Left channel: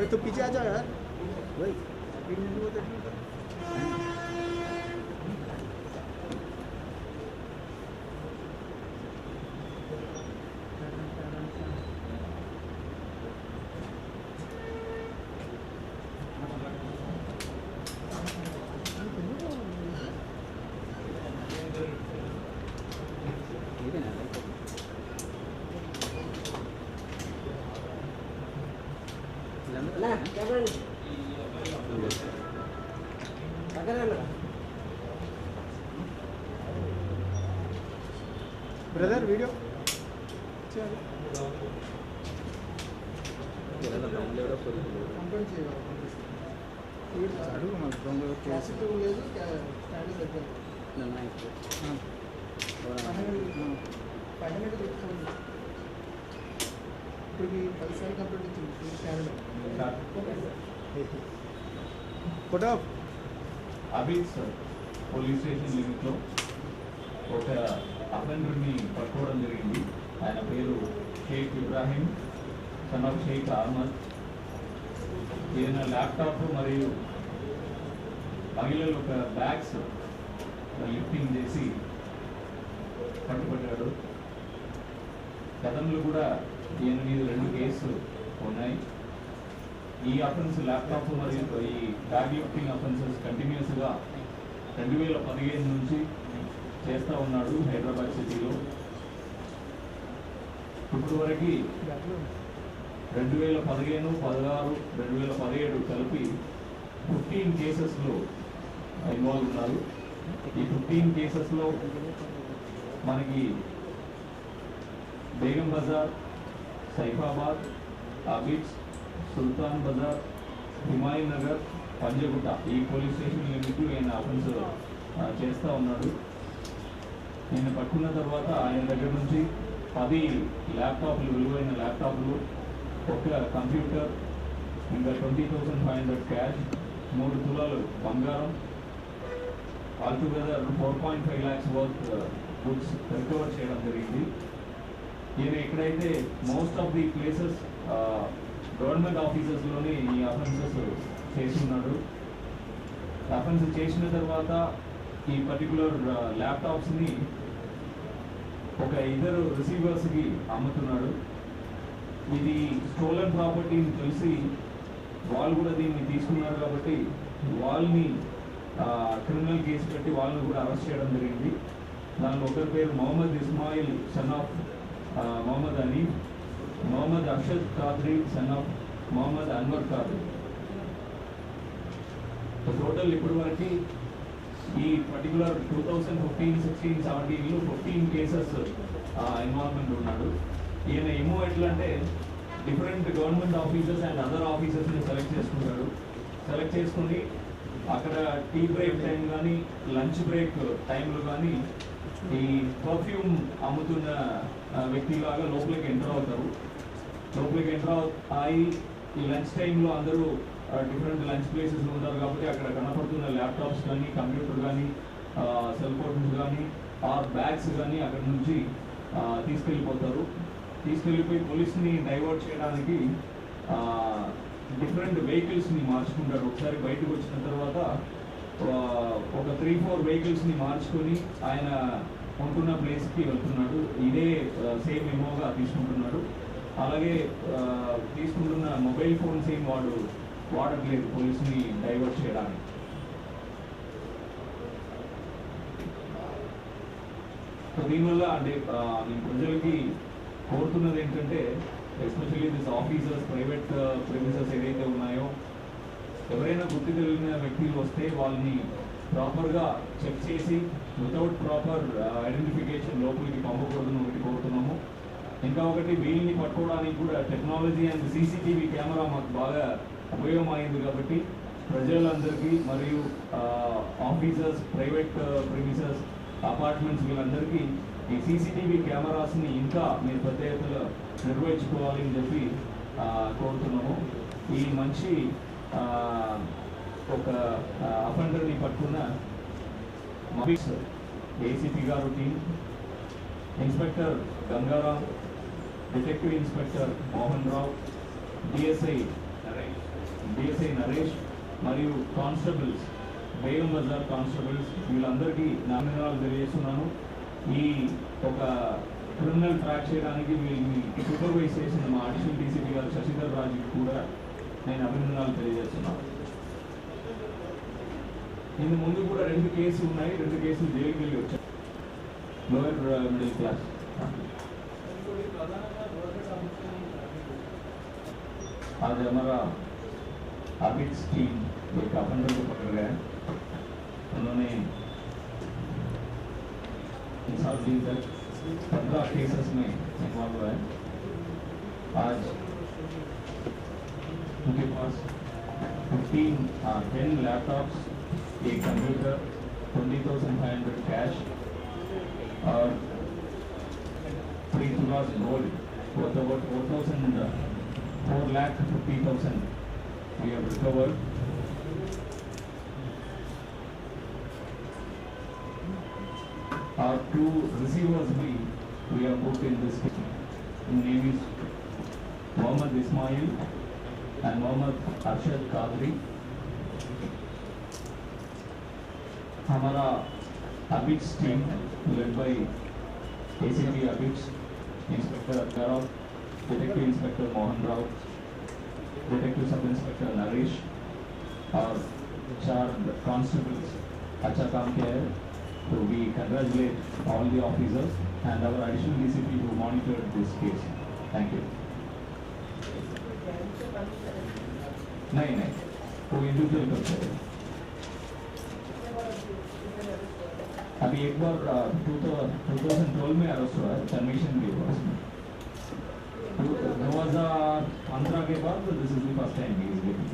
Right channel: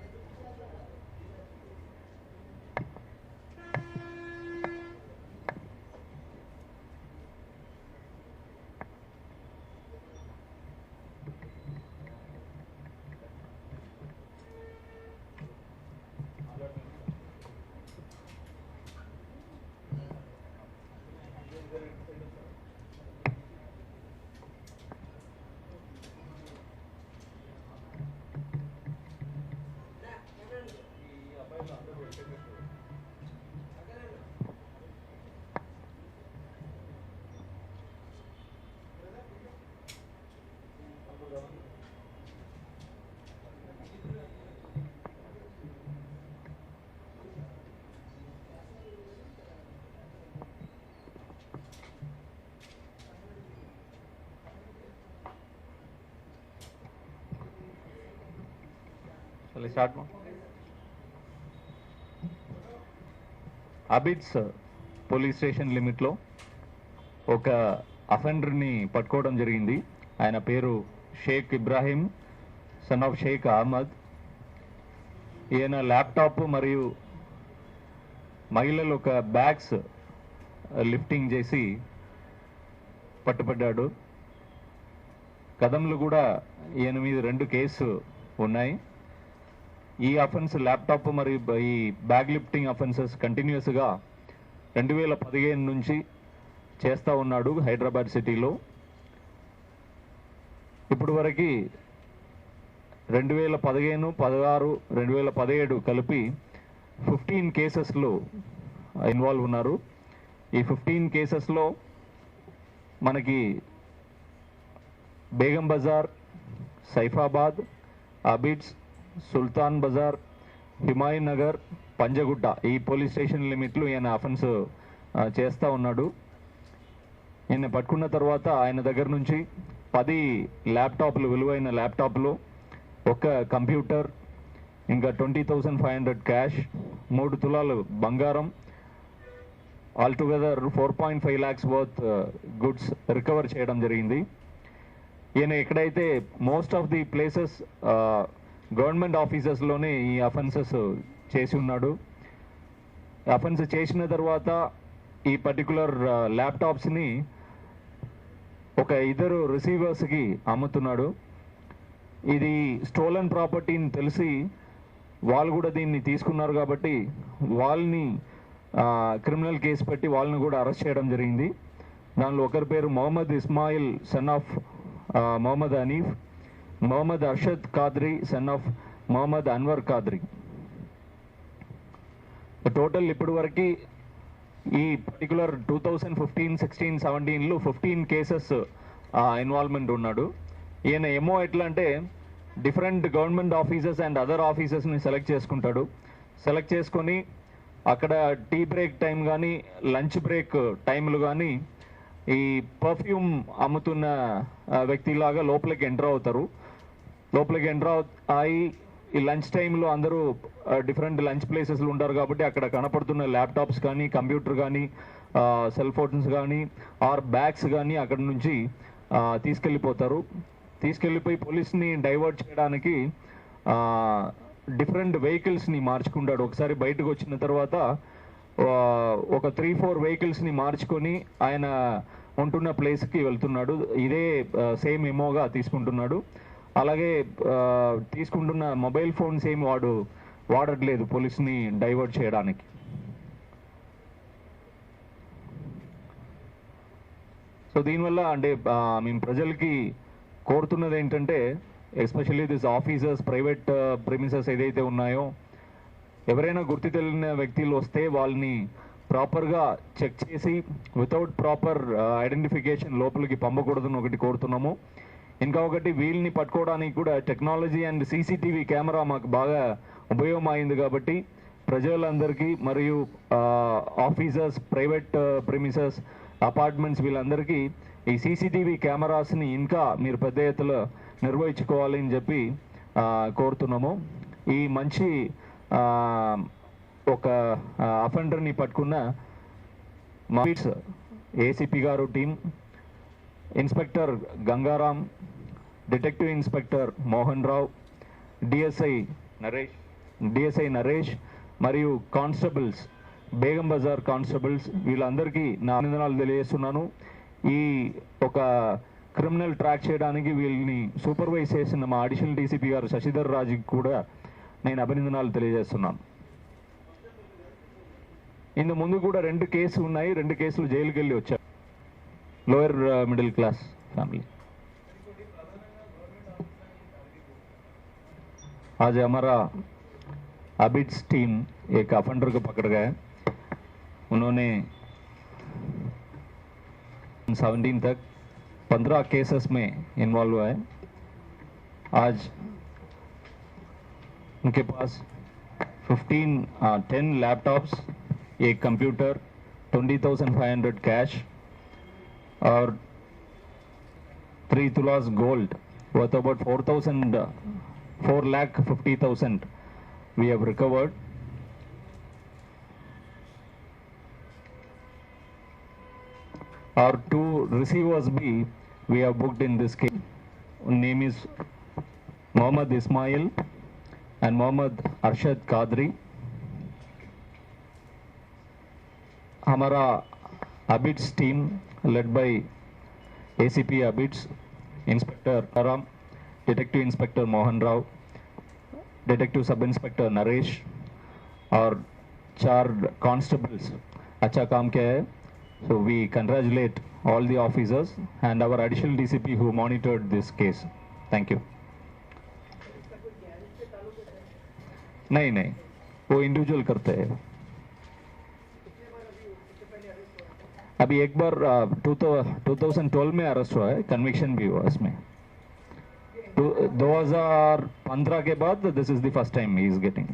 अरे तो पीछे आ जाओ यार भाई। ब्रदर वीडियो అడుగు మాకు దొంగ కేసు లేదు స్టాండ్ దగ్గర ఇప్పుడు 10 సార్లు కంప్లీట్ వచ్చింది. అబిడ్స్ పోలీస్ స్టేషన్ లిమిట్లో ఒక అఫెండర్ని పట్టుకోవడం జరిగింది. ఆయన పేరు షేక్ ఇబ్రాహీం సన్ ఆఫ్ షేక్ అహ్మద్. ఈయన ల్యాప్టాప్ మరియు మహిళలు ఒక బ్యాగ్స్ లిఫ్టింగ్ చేసి పట్టుబడ్డాడు. గతంలో కూడా ఈయన మీద 2 కేసులు ఉన్నాయి. ఈ అఫెన్స్ ల్యాప్టాప్ మరియు ఈ బ్యాగ్ లిఫ్టింగ్ అఫెన్సెస్ కంటిన్యూస్గా 2015 నుంచి చేస్తూ ఉన్నాడు హైదరాబాద్ సిటీలో. ఇప్పుడు వరకు 2015, 16, 2017 కలిపి 15 కేసెస్లో ఇన్వాల్వ్ ఉన్నారు. ఈ 15 కేసెస్లో మనకి బేగం బజార్, సైఫాబాద్, అబిడ్స్, సుల్తాన్ బజార్, హిమాయ్ నగర్, పంజగుట్ట ఈ పోలీస్ స్టేషన్ లిమిట్లు ఈయన అఫెన్స్ చేస్తూ ఉన్నాడు. ఈయన పట్టుకున్న తర్వాత ఆయన దగ్గర నుంచి 10 ల్యాప్టాప్లు, విలువైన ల్యాప్టాప్లు, ఒక కంప్యూటర్, ఇంకా 20,500 క్యాష్, 3 తులాలు బంగారం, altogether 4.5 lakhs worth goods recover చేయడం జరిగింది. ఈయన ఎక్కడైతే most of the places government ఆఫీసెస్లోనే ఈ అఫెన్సెస్ చేసి ఉన్నాడు. అఫెన్స్ చేసిన తర్వాత ఈ పర్టికులర్ ల్యాప్టాప్స్ని ఒక 2 రిసీవర్స్కి అమ్ముతున్నాడు. ఇది స్టోలన్ ప్రాపర్టీని తెలిసి వాళ్ళు కూడా దీన్ని తీసుకున్నారు కాబట్టి వాళ్ళని క్రిమినల్ కేసు పెట్టి వాళ్ళని కూడా అరెస్ట్ చేయడం జరిగింది. దానిలో ఒకరి పేరు Mohammed Ismail son of Mohammed Anif, Mohammed Arshad Khadri son of Mohammed Anwar Khadri. Total ఇప్పటి వరకు ఈ పర్టికులర్ 2015, 16, 17లో 15 కేసెస్ ఇన్వాల్వ్మెంట్ ఉన్నాడు. ఈయన ఏమో ఎట్లా అంటే different government offices and other ఆఫీసెస్ని సెలెక్ట్ చేసుకుంటాడు. సెలెక్ట్ చేసుకొని అక్కడ టీ బ్రేక్ టైం కానీ, లంచ్ బ్రేక్ టైంలు కానీ ఈ పర్ఫ్యూమ్ అమ్ముతున్న వ్యక్తిలాగా లోపలికి ఎంటర్ అవుతారు. లోపలికి ఎంటర్ అయ్యి ఈ లంచ్ టైంలో అందరూ డిఫరెంట్ లంచ్ ప్లేసెస్లో ఉంటారు కాబట్టి అక్కడ కనపడుతున్న ల్యాప్టాప్స్ కానీ, కంప్యూటర్ కానీ, సెల్ ఫోన్స్ కానీ, ఆర్ బ్యాగ్స్ కానీ అక్కడ నుంచి తీసుకెళ్ళిపోతారు. తీసుకెళ్ళిపోయి పోలీస్ని డైవర్ట్ చేయడానికి డిఫరెంట్ వెహికల్స్ని మార్చుకుంటాడు. ఒకసారి బయటకు వచ్చిన తర్వాత ఒక 3-4 వెహికల్స్ని మార్చుకొని ఆయన ఉంటున్న ప్లేస్కి వెళ్తున్నాడు. ఇదే సేమ్ ఎమోగా తీసుకుంటున్నాడు. అలాగే తీసుకుంటున్న మొబైల్ ఫోన్స్ ఏం వాడట్లేదు పోలీస్ని డైవర్ట్ చేయడానికి. సో దీనివల్ల అంటే మేము ప్రజలకి కోరుతున్నది ఏంటంటే especially this officers, private premises ఏదైతే ఉన్నాయో ఎవరైనా గుర్తు తెలియని వ్యక్తులు వస్తే వాళ్ళని ప్రాపర్గా చెక్ చేసి వితౌట్ ప్రాపర్ ఐడెంటిఫికేషన్ లోపలికి పంపకూడదని ఒకటి కోరుతున్నాము. ఇంకా ఒకటి వీళ్ళని పట్టుకోవడానికి కూడా టెక్నాలజీ అండ్ సీసీటీవీ కెమెరా మాకు బాగా ఉపయోగం అయింది కాబట్టి ప్రజలందరికీ మరియు ఆఫీసర్స్, ప్రైవేట్ ప్రెమిసెస్, అపార్ట్మెంట్స్ వీళ్ళందరికీ ఈ సీసీటీవీ కెమెరాస్ని ఇంకా మీరు పెద్ద ఎత్తున నిర్వహించుకోవాలి అని చెప్పి కోరుతున్నాము. ఈ మంచి ఒక అఫెండర్ని పట్టుకున్న మాఫీస్ ఏసీపీ గారు team, inspector Gangaram, detective inspector Mohan Rao, DSI Naresh, DSI Naresh మరియు కానిస్టేబుల్స్, బేగం బజార్ కానిస్టేబుల్స్ వీళ్ళందరికీ నా అభినందనాలు తెలియజేస్తున్నాను. ఈ ఒక క్రిమినల్ ట్రాక్ చేయడానికి వీళ్ళని సూపర్వైజ్ చేసిన మా అడిషనల్ డీసీపీ గారు శశిధర్ రాజుకి కూడా నేను అభినందనాలు తెలియజేస్తున్నాను. ఇందు ముందు కూడా 2 కేసులు ఉన్నాయి, 2 కేసులు జైలుకి వెళ్ళి వచ్చారు. Lower middle class family. आज हमारा अबिट्स टीम एक अफेंडर को पकड़ गए. उन्होंने 17 तक 15 केसेस में इन्वॉल्व हुआ है. आज उनके पास 10 लैपटॉप्स, एक कंप्यूटर, 20,500 कैश और 3 तुलास gold worth about 4,50,000 we have recovered. Our 2 receivers we have booked in this case. Name is Mohammad Ismail and Mohammad Arshad Qadri. हमारा Abids team led by ACP Abids, inspector Karam, detective inspector Mohan Rao, detective sub inspector Naresh और 4 constables अच्छा काम किया है. So we congratulate all the officers and our additional DCP who monitored this case. Thank you. नहीं वो individual करते हैं. अभी एक बार 2012 में अरेस्ट हुआ है, कन्विक्शन भी हुआ इसमें. 2015 के बाद this is the first time he is getting.